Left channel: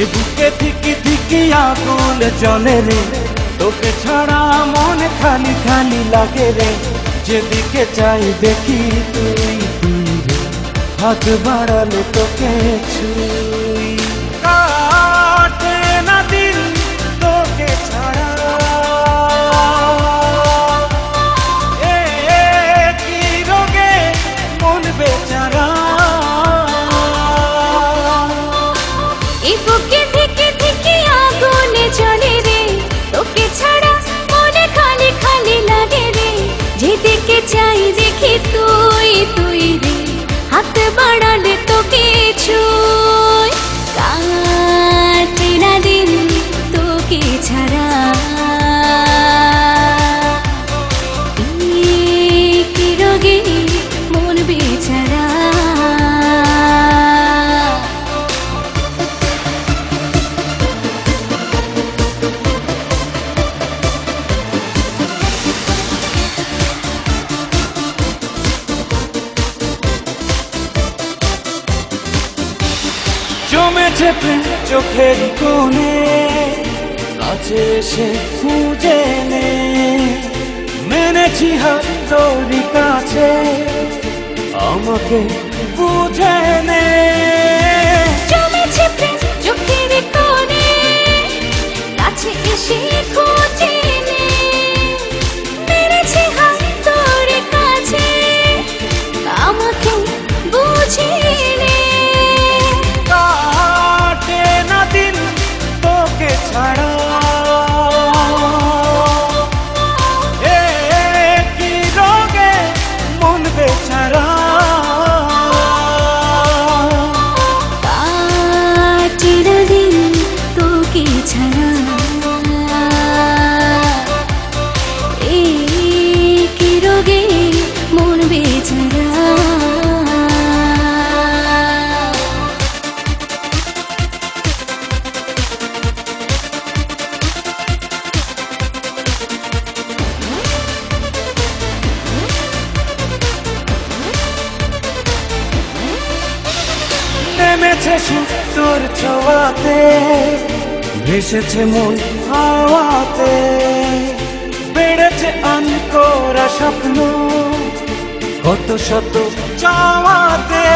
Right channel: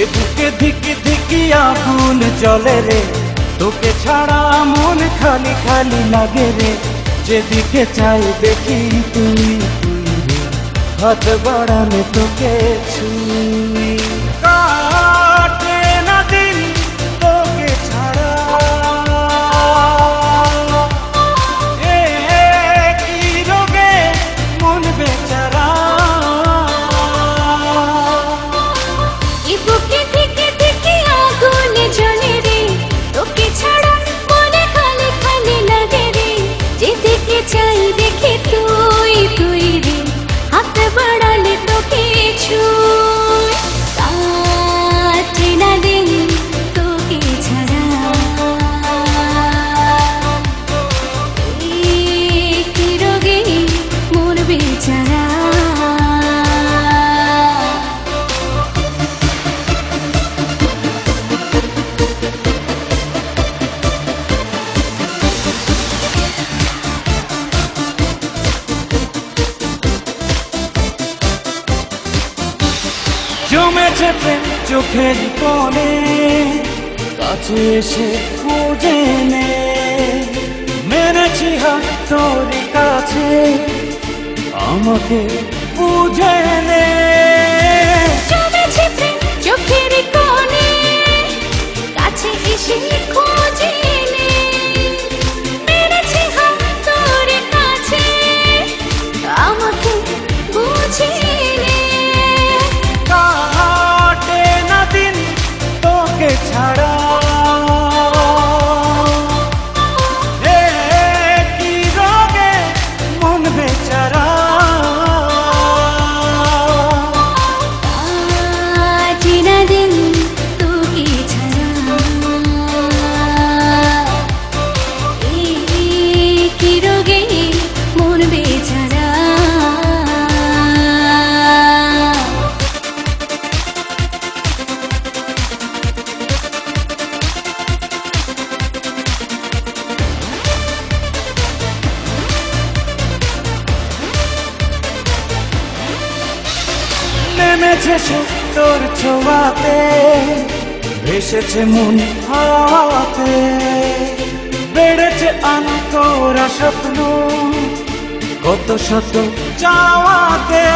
এ বুকে ধিকি ধিকি আগুন জ্বলে রে, তোকে ছাড়া মন খালি খালি লাগে রে। যেদিকে চাই দেখি তুই তুই রে, হাত বাড়ালে তোকে ছুই। কাটে না দিন তোকে ছাড়া, এ কি রোগে মন বেচারা। জমেছে প্রেম চোখের কোণে, কাছে এসে খুঁজে নে। মেনেছি হাত তোরই কাছে, আমাকে বুঝে নে। ছাড়া এ কি রোগে মন বেচারা। নেমেছে সুখ তোর ছোঁয়াতে, ভেসেছে মন হাওয়াতে। বেড়েছে আনকোরা স্বপ্ন কত শত চাওয়াতে।